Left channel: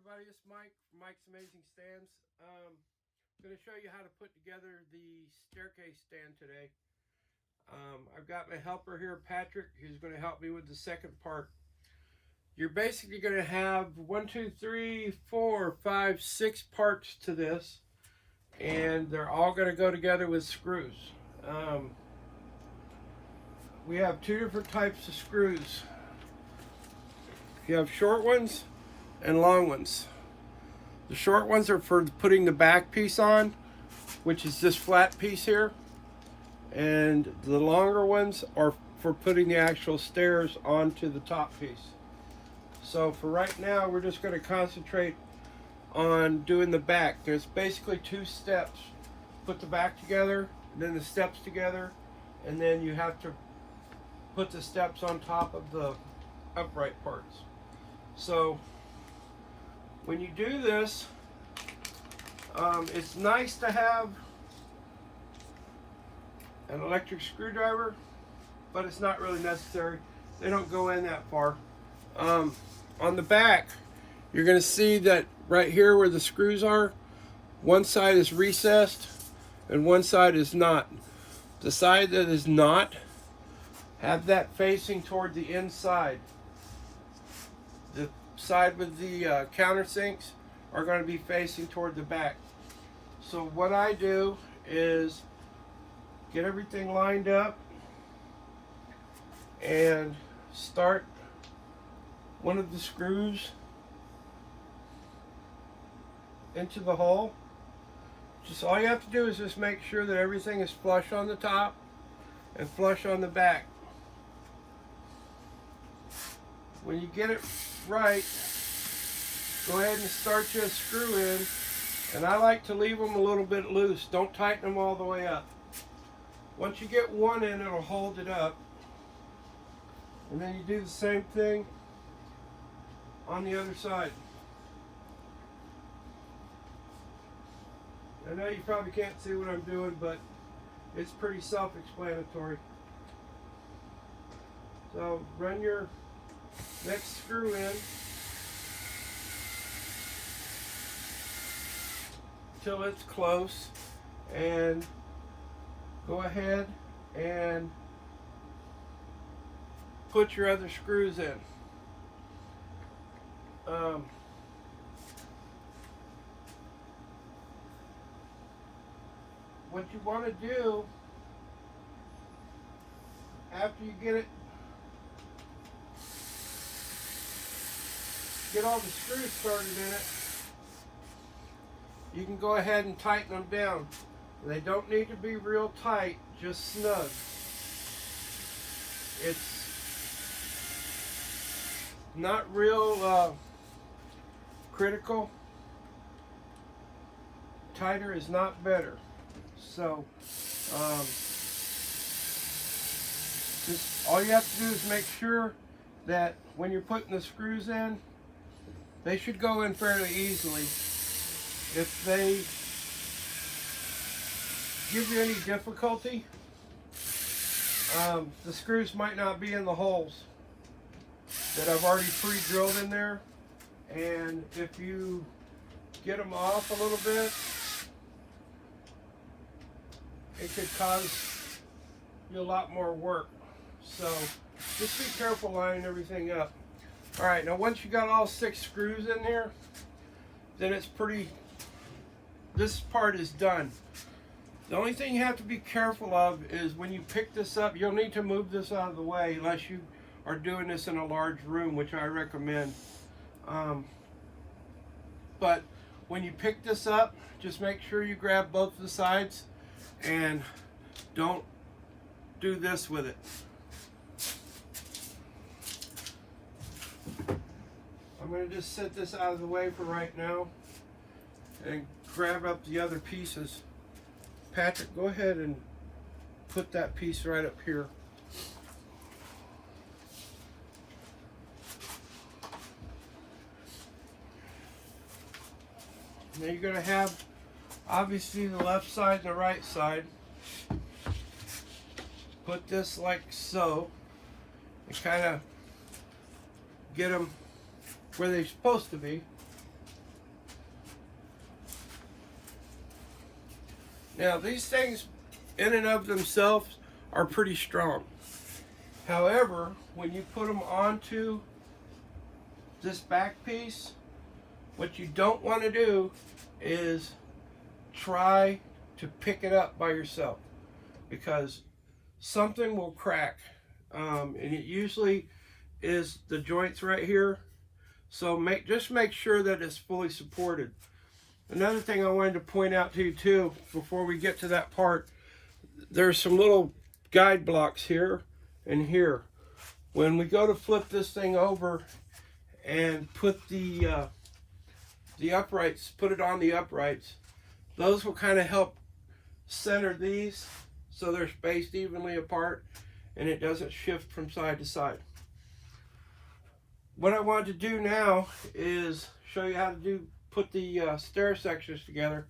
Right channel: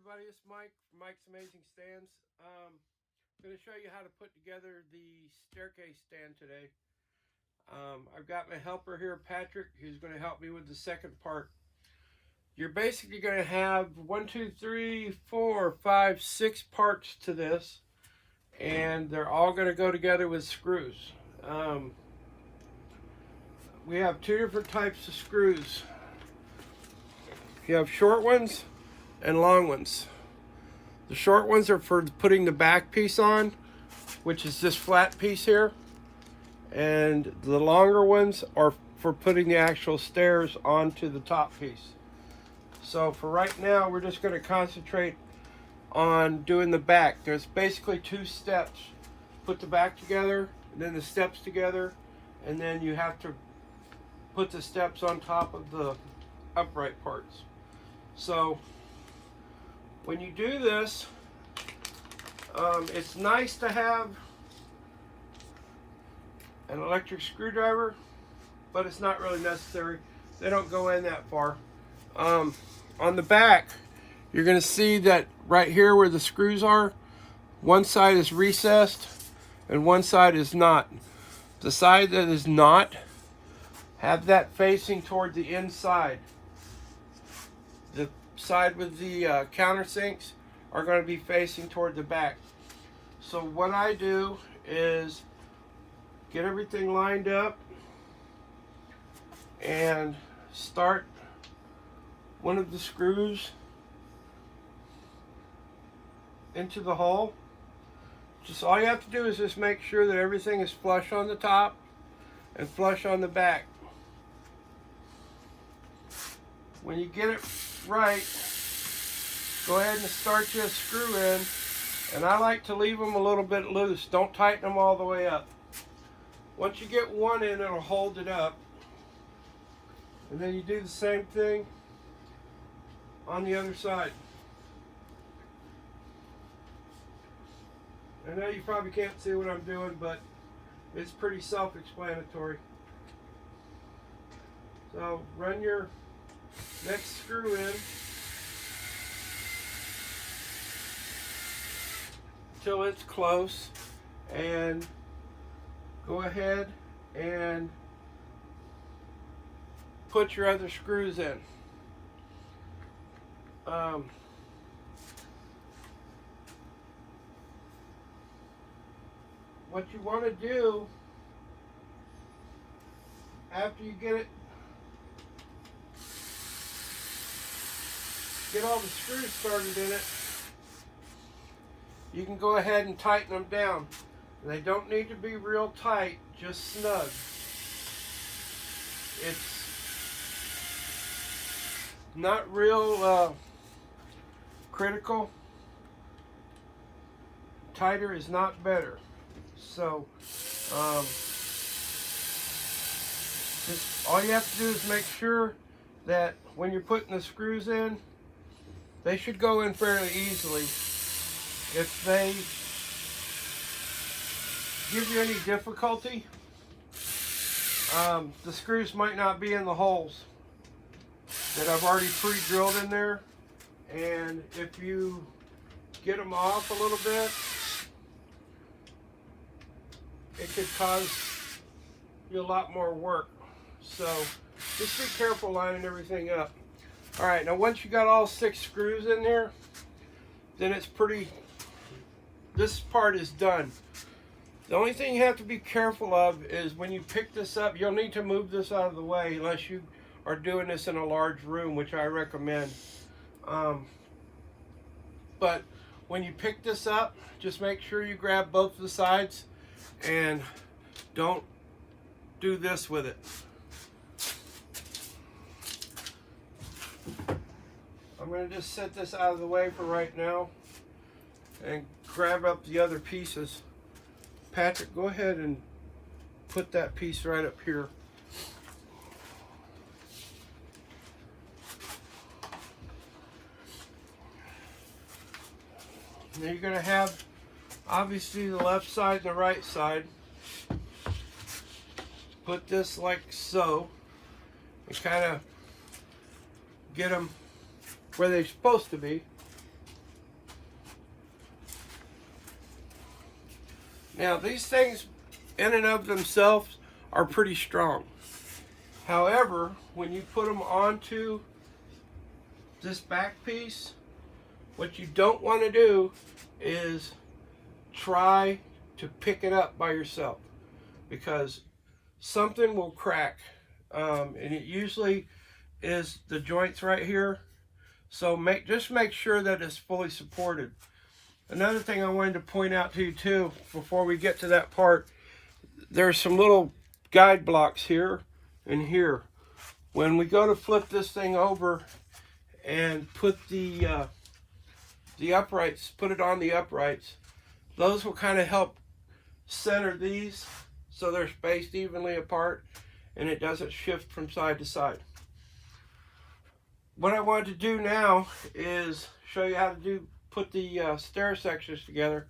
everybody, it's Mike from Mike's Amazing Stands. I'm going to show you how to put together the staircase stand today. I've got my helper here, Patrick, who's going to help me with the second part. You're basically going to have 6 parts to this, and they're all going to go together with screws. We have 2 different types of screws. You have short ones and long ones. The short ones are for putting the back piece on, which is this flat piece here, and the longer ones are for putting the actual stairs onto the top piece. So for right now, we're just going to concentrate on doing the back. There's basically 2 steps. Put the back together, and then the steps together, and then you have to put the steps on top of the upright parts. So when you do this, it's nice to have an electric screwdriver, but it's not really necessary. They don't go in that far. On the back, you're going to see that right here where the screws are, one side is recessed and one side is not. The side that is not, have that facing toward the inside. The side with the countersinks are going to be facing toward the back. So what I do is get everything lined up and start one of the screws into the hole. Just all you have to do is just make sure that everything is flush on the top and flush on the back. When you get it right, go ahead and start your screw in, and I like to leave them a little bit loose. Don't tighten them all the way up. Once you get one in, it'll hold it up, and then you do the same thing on the other side. I know you probably can't see what I'm doing, but it's pretty self-explanatory. So run your next screw in till it's close, and go ahead and put your other screws in. What you want to do after you get all the screws started in it, you can go ahead and tighten them down. They don't need to be real tight, just snug. It's not real critical. Tighter is not better. So just all you have to do is make sure that when you're putting the screws in, they should go in fairly easily. If they give you any difficulty, the screws might not be in the holes that I've already pre-drilled in there, and if you get them off a little bit, it could cause you a lot more work. So just be careful lining everything up. All right, now once you got all 6 screws in there, then it's this part is done. The only thing you have to be careful of is when you pick this up, you'll need to move this out of the way unless you are doing this in a large room, which I recommend. But when you pick this up, just make sure you grab both the sides and don't do this with it. I'm going to just set this out of the way for right now and grab up the other pieces. Patrick, go ahead and put that piece right up here. Now you're going to have obviously the left side and the right side. Put this like so and kind of get them where they're supposed to be. Now these things in and of themselves are pretty strong. However, when you put them onto this back piece, what you don't want to do is try to pick it up by yourself, because something will crack, and it usually is the joints right here. So just make sure that it's fully supported. Another thing I wanted to point out to you too, before we get to that part, there's some little guide blocks here and here. When we go to flip this thing over and put the uprights, put it on the uprights, those will kind of help center these so they're spaced evenly apart and it doesn't shift from side to side. What I wanted to do now is show you how to put the stair sections together.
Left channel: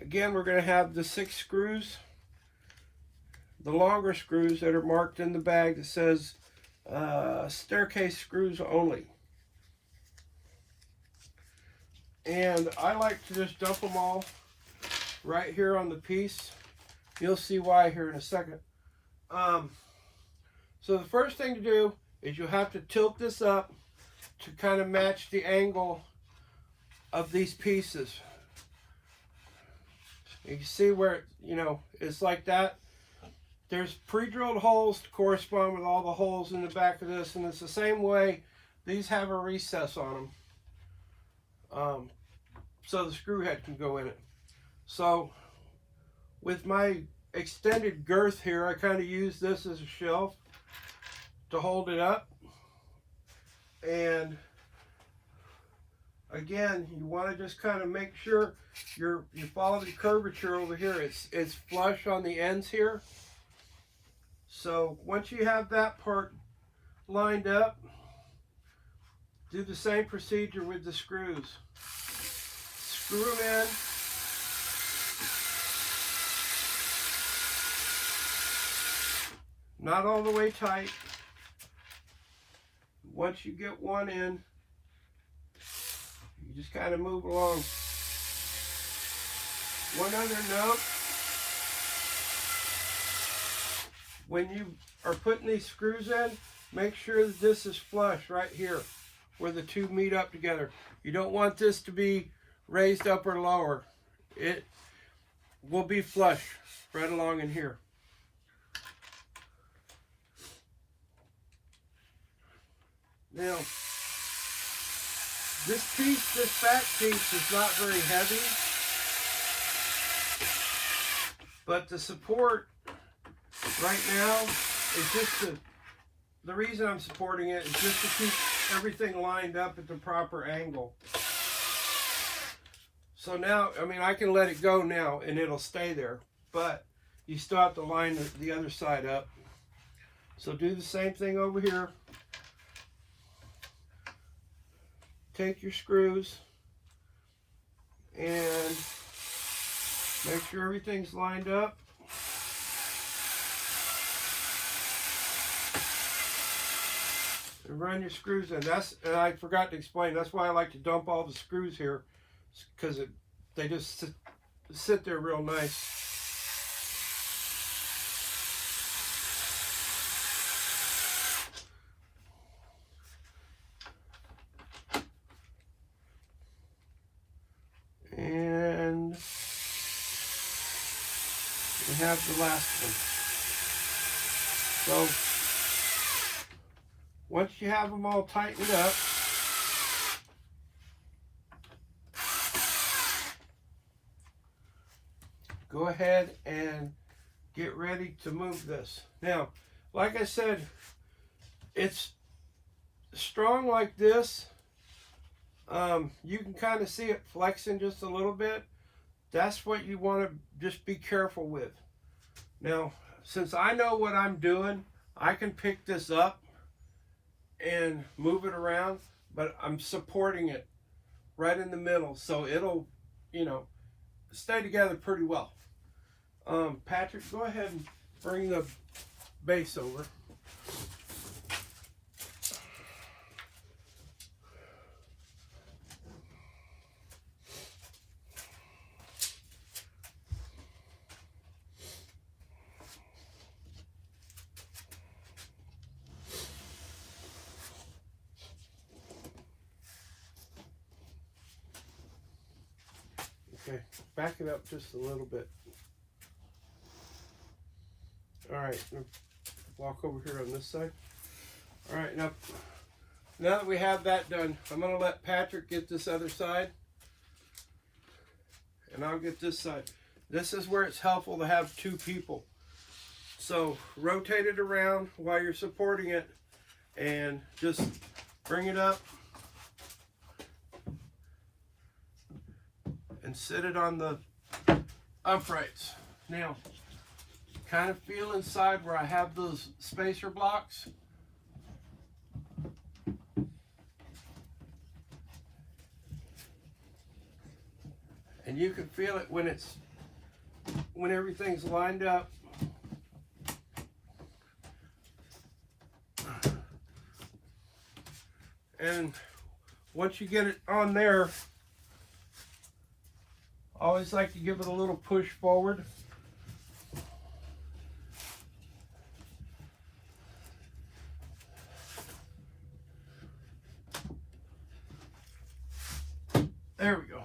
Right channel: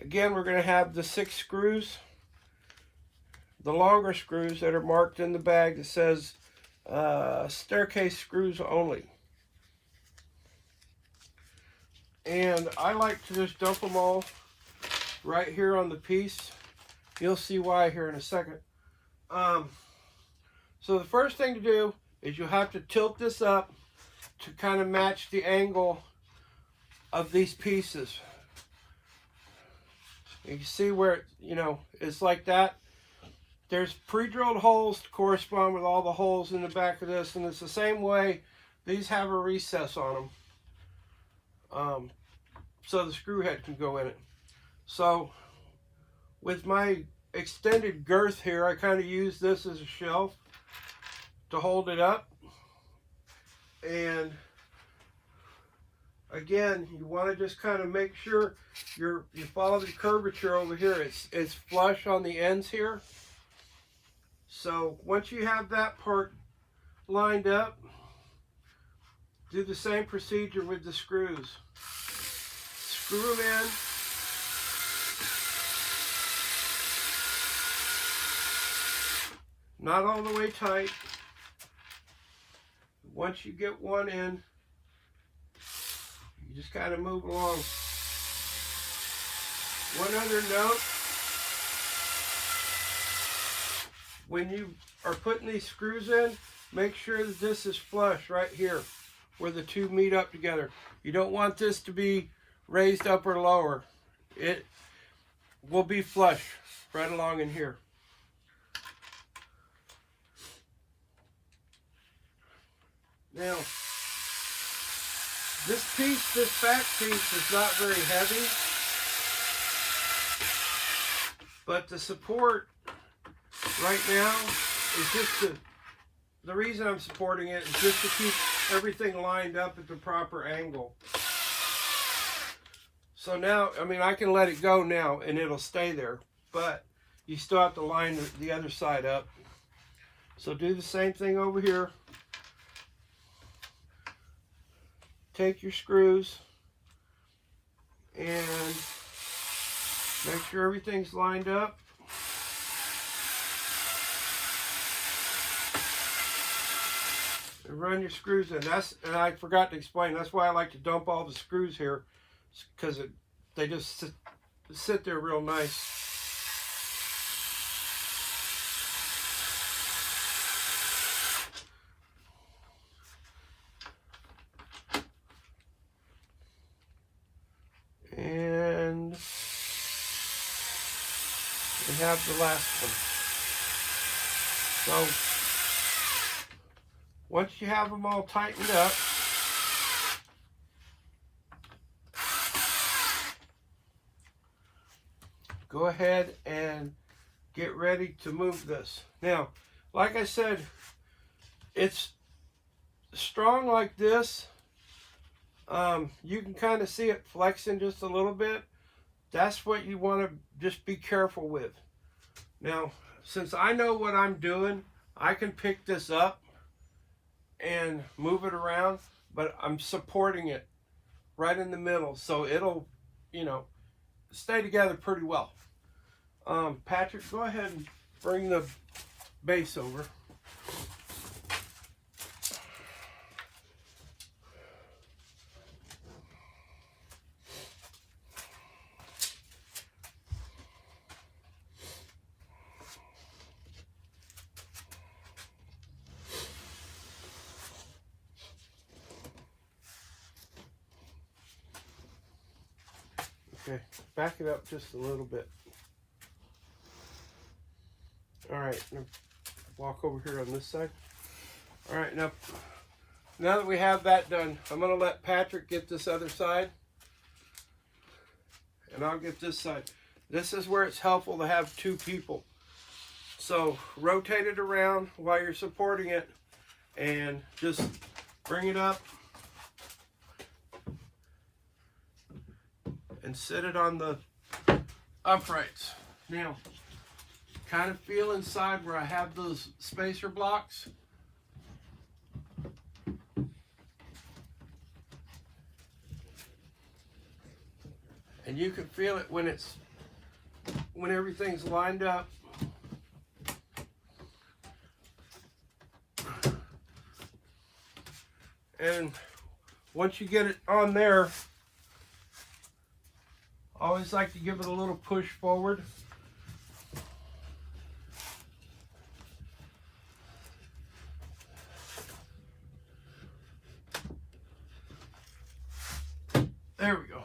Again, we're going to have the 6 screws, the longer screws that are marked in the bag that says staircase screws only. And I like to just dump them all right here on the piece. You'll see why here in a second. So the first thing to do is you'll have to tilt this up to kind of match the angle of these pieces. You can see where, it's like that. There's pre-drilled holes to correspond with all the holes in the back of this, and it's the same way. These have a recess on them, so the screw head can go in it. So with my extended girth here, I kind of use this as a shelf to hold it up. And again, you want to just kind of make sure you follow the curvature over here. It's flush on the ends here. So once you have that part lined up, do the same procedure with the screws. Screw them in. Not all the way tight. Once you get one in, you just kind of move along. One other note, when you are putting these screws in, make sure that this is flush right here where the two meet up together. You don't want this to be raised up or lower. It will be flush right along in here. Now, this back piece is not very heavy, but the support right now is just the reason I'm supporting it is just to keep everything lined up at the proper angle. So now, I can let it go now and it'll stay there, but you still have to line the other side up. So do the same thing over here. Take your screws and make sure everything's lined up. And run your screws in. And I forgot to explain, that's why I like to dump all the screws here, because they just sit there real nice. And we have the last one. So once you have them all tightened up, go ahead and get ready to move this. Now, like I said, it's strong like this. You can kind of see it flexing just a little bit. That's what you want to just be careful with. Now, since I know what I'm doing, I can pick this up and move it around, but I'm supporting it right in the middle, so it'll, stay together pretty well. Patrick, go ahead and bring the base over. Okay, back it up just a little bit. All right, walk over here on this side. All right, now that we have that done, I'm gonna let Patrick get this other side, and I'll get this side. This is where it's helpful to have two people. So rotate it around while you're supporting it, and just bring it up and sit it on the uprights. Now, kind of feel inside where I have those spacer blocks. And you can feel it when everything's lined up. And once you get it on there, I always like to give it a little push forward. There we go.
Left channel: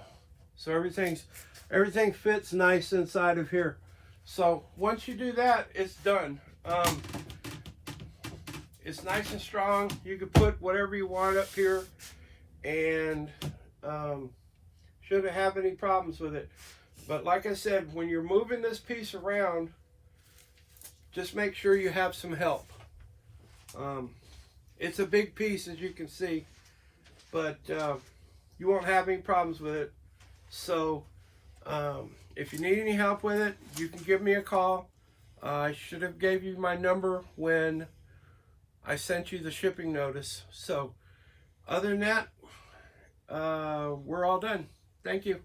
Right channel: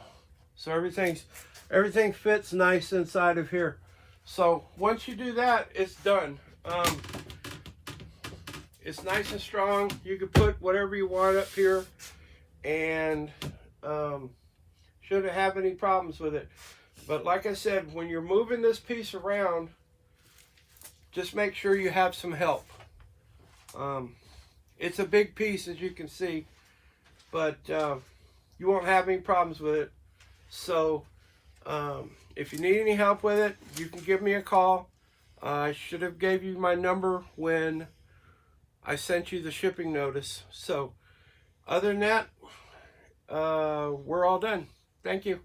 So everything fits nice inside of here. So once you do that, it's done. It's nice and strong. You can put whatever you want up here, and shouldn't have any problems with it. But like I said, when you're moving this piece around, just make sure you have some help. It's a big piece, as you can see, but you won't have any problems with it. So if you need any help with it, you can give me a call. I should have gave you my number when I sent you the shipping notice. So other than that, we're all done. Thank you.